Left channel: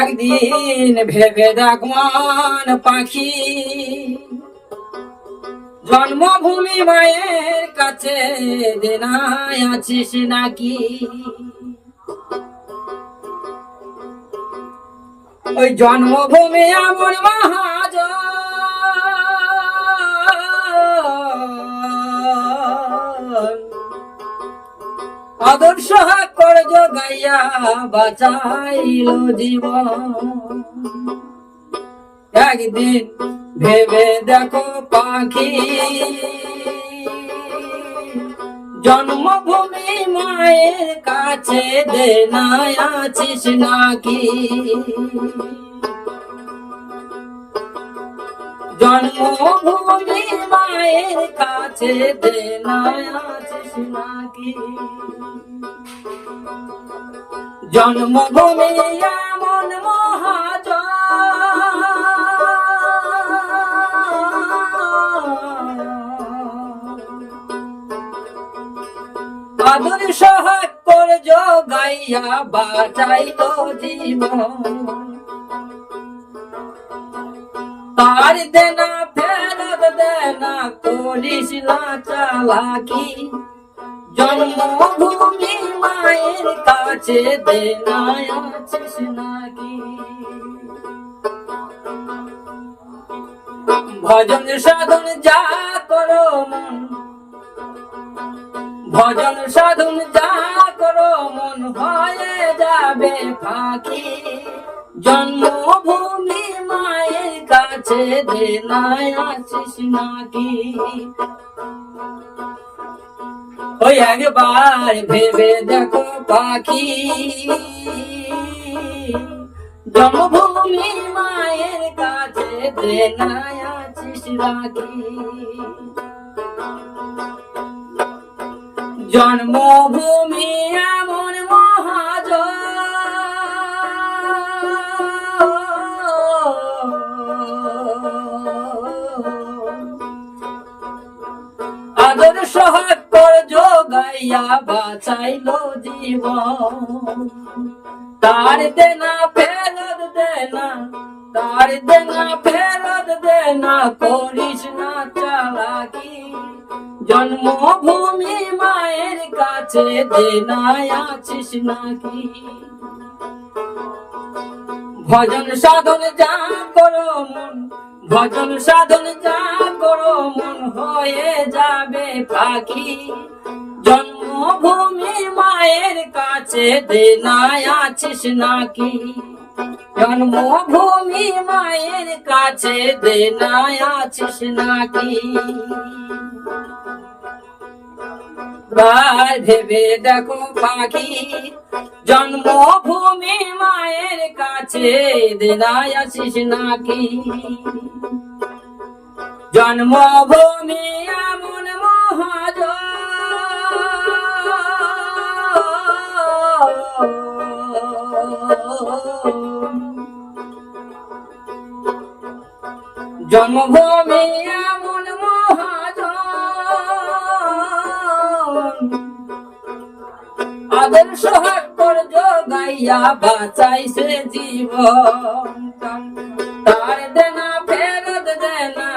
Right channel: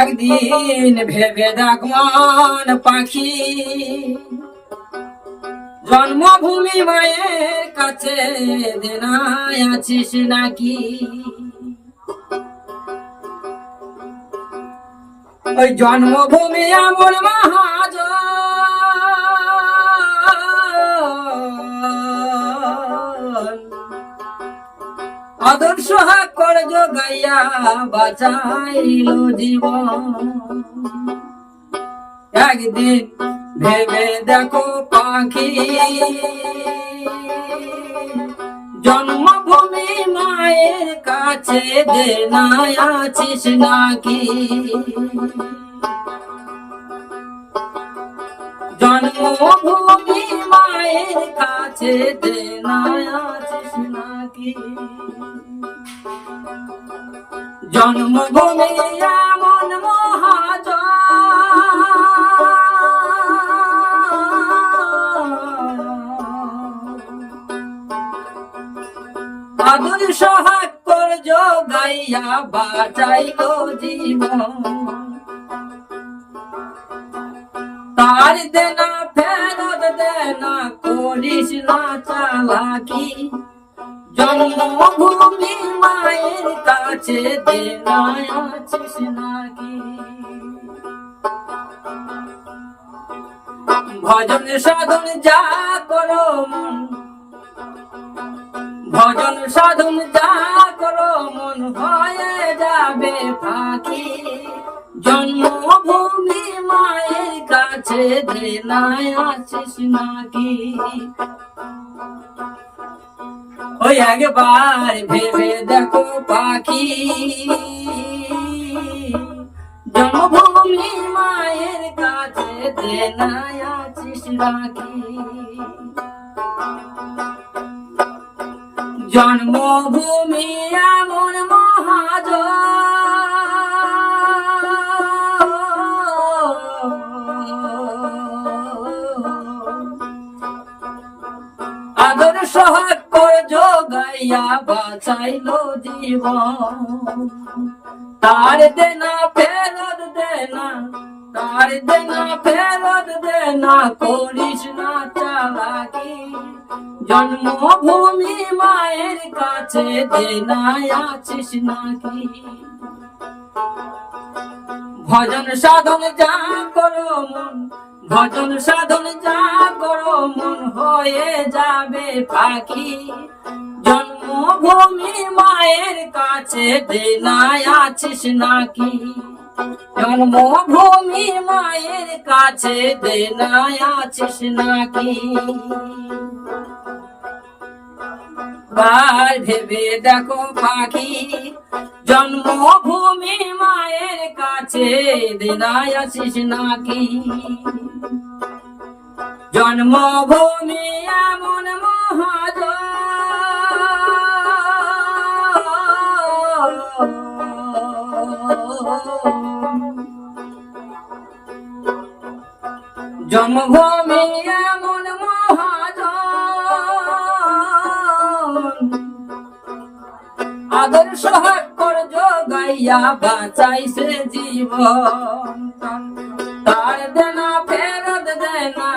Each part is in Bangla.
একদিন ভেবে দেখমান পাখি, জন্মভূমি মায়ের কাছে দেনায় আছিস নাকি? ওই জন্মভূমি আমার মহাজ, আদর্শ করে গাইয়া বাঁচাইল জীবন। একদিন ভেবে দেখো পাখি, জন্মভূমি মায়ের কাছে দেনায় আছিস নাকি? জন্মভূমি মায়ের কাছে দেনায় আছিস নাকি? জন্মভূমি এমন মহাজ, আদর্শ করে গাইয়া বাঁচাইল জীবন। তার দেনা ফেরত দেনা করিস না চালাকি, জন্মভূমি মায়ের কাছে দেনায় আছিস নাকি? ভজন সাধন যা করো মন, ভজন সাধন যা করো মন হয়ে যাবে ফাঁকি। জন্মভূমি মায়ের কাছে দেনায় আছিস নাকি? ওই একবার ভেবে দেখো পাখি, জন্মভূমি মায়ের কাছে দেনায় আছিস নাকি? জন্মভূমি এমন মহাজ, আদর্শ করে গাইয়া বাঁচাইল জীবন। তার দেনা ফেরত দেনা, তার দেনা ফেরত দেনা করিস না চালাকি। জন্মভূমি মায়ের কাছে দেনায় আছিস নাকি? ভজন সাধন যা করো মন, ভজন সাধন যা করো মন হয়ে যাবে পাখি। জন্মভূমি মায়ের কাছে দেনায় আছিস নাকি? জন্মভূমি মায়ের কাছে দেনায় আছিস নাকি? বার ভেবে দেখো পাখি, জন্মভূমি মায়ের কাছে দেনায় আছিস নাকি? জন্মভূমি এমন মহাজ, জন্মভূমি এমন মহাজ, আদর্শ করে গাইয়া বাঁচাইছে জীবন। তার দেনা ফেরত দেনা,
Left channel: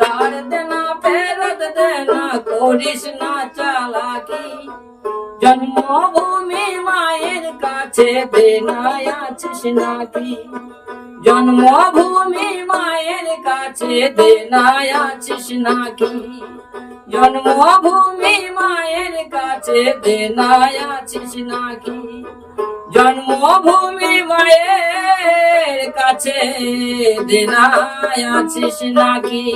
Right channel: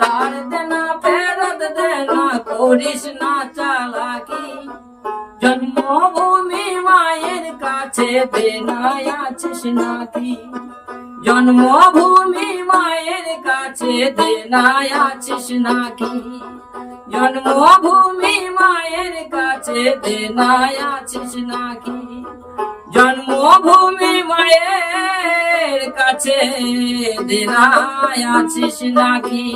তার দেনা ফেরত দেনা করিস না চালাকি। জন্মভূমি মায়ের কাছে দেনায় আছিস নাকি? জন্মভূমি মায়ের কাছে দেনায় আছিস নাকি? জন্মভূমি মায়ের কাছে দেনায় আছিস নাকি? জন্মভূমি মায়ের কাছে দেনায় আছিস নাকি?